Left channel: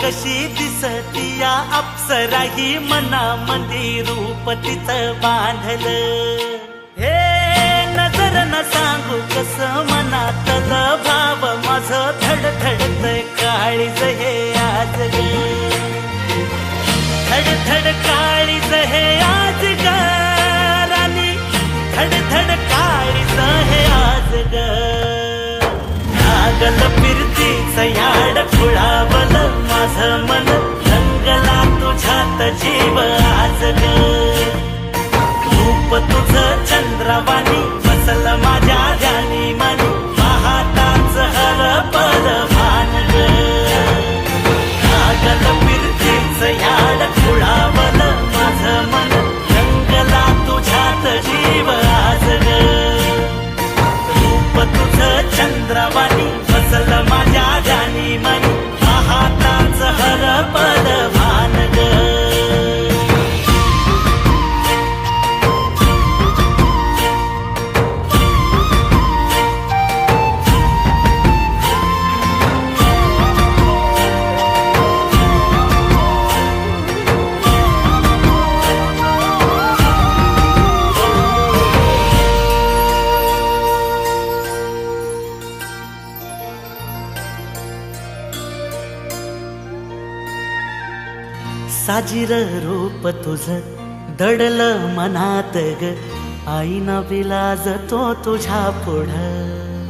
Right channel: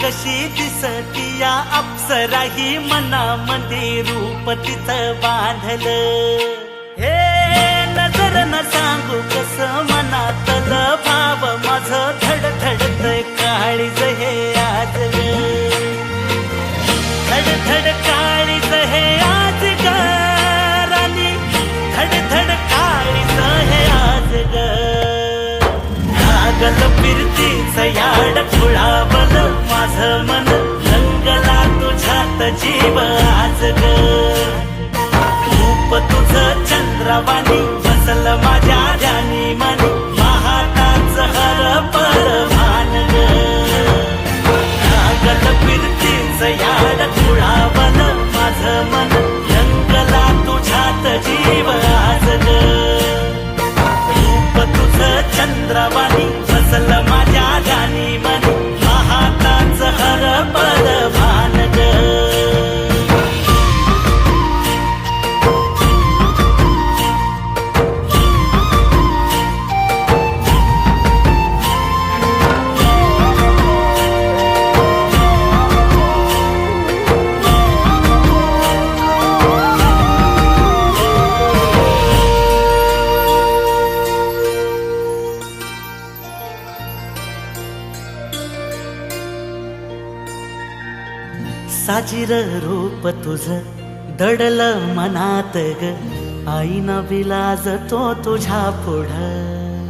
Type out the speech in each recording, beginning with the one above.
कशी दिसती या अप्सरा ही मनामंदी रूप तिचं बांधलं. हे नजर न सांगू कस मनातल भाव माझं धडधडतय काळीज हे आज ग. धडधड काळीज हे आज ग राणी, धडधड काळीज हे आज ग. लागल फिरतीच याड खुळावल माझं मन, रंगला तुझ्यात जीव आज ग. रूप तुझं चंद्रवाणी बसल माझ्या ध्यानी मनी, पाहताच हरपल भान ग. लागल फिरतीच याड खुळावल माझं मन, रंगला तुझ्यात जीव आज ग. रूप तुझं चंद्रवाणी बसल माझ्या ध्यानी मनी, पाहताच हरपल भान ग. साजीर रूप तुझं दडल मनात ग, आईना विलाज तो तुझ्या पुढं.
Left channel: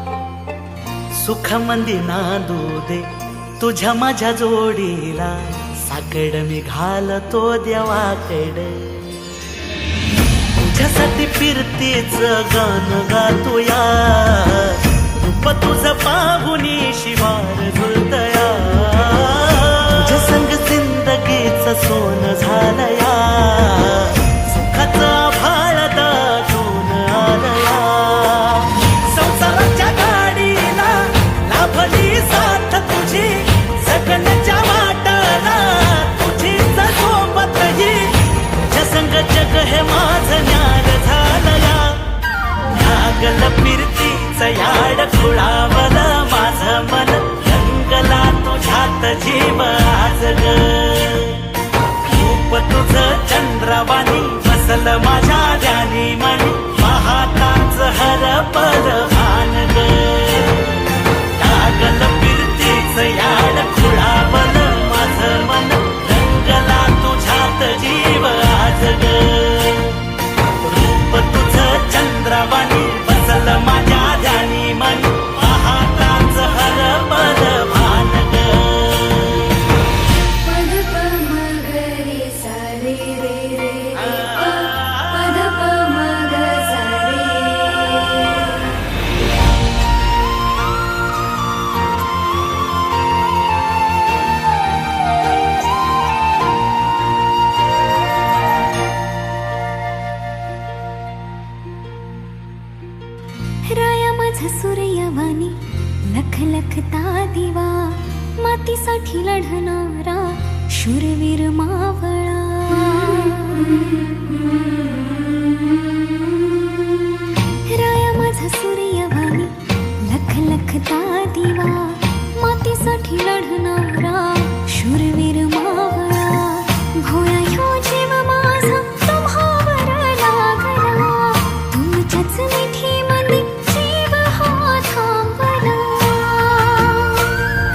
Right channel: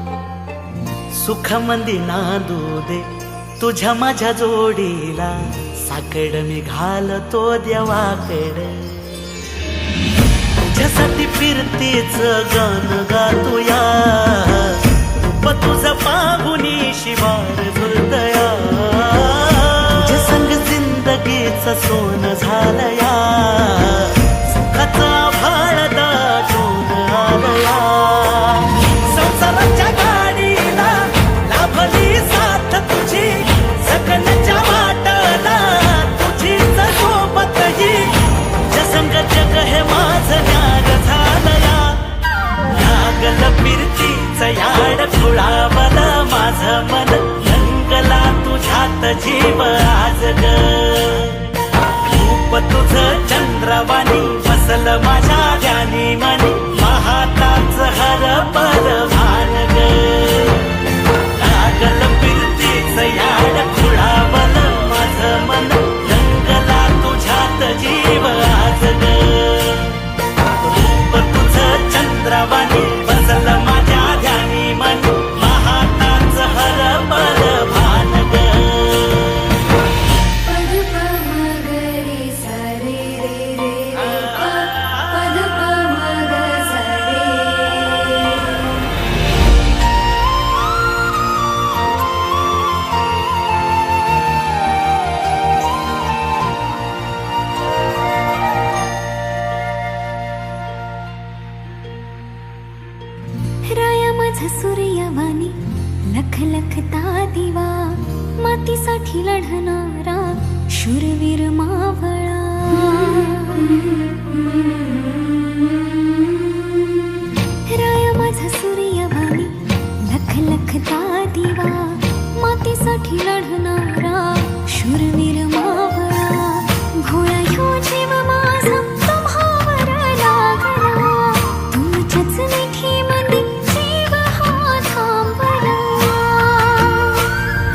सुख मंदी नांदू दे तुझ्या माझ्या जोडीला, साकड मी घालतो देवाकड. तुझ्यासाठी फिरतीच गान गातोया, रूप तुझं पाहुनी शिवार झुलतया. तुझ्या संग जिंदगीच सोन झालया, सुखाचा भाळ दाटून आलया. संसाराच्या गाडीला लाभली साथ तुझी, जगण्याच्या वाटला तुझीच सोबत ही. तुझ्या संग जग हे माझं न्यार झालया. लागल फिरतीच याड खुळावल माझं मन, रंगला तुझ्यात जीव आज ग. रूप तुझं चंद्रवाणी बसल माझ्या ध्यानी मनी, पाहताच हरपल भान ग. लागल फिरतीच याड खुळावल माझं मन, रंगला तुझ्यात जीव आज ग. रूप तुझं चंद्रवाणी बसल माझ्या ध्यानी मनी, पाहताच हरपल भान ग. पद प म ग रे सा रे रे रे रे प, पद प म ग सा रे. राया माझा सूर्यवाणी लख लखता दिवा, मातीसाठी लढणारा शूरवीर मावळा. राया माझा सूर्यवाणी लख लखता दिवा, मातीसाठी लढणारा शूरवीर मावळा. भोळा ह्यो जीव माझा तुम्हावर लागला, तुमच्याच मिठी मध्ये जीव हा थांबला.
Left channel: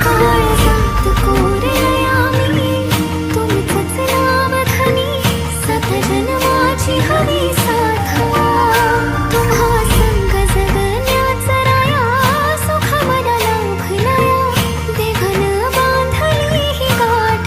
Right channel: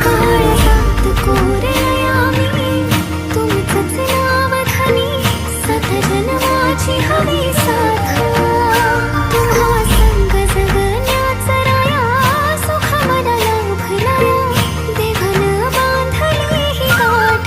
काळजात कोरलया मी तुमचंच नाव धनी, सात जन्माची हवी साथ. तुम्हा संग जगण्याचा राया, सुख मला लाभलया, देवानं बांधली ही गाठ.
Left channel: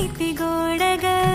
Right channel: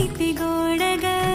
किती गोड ग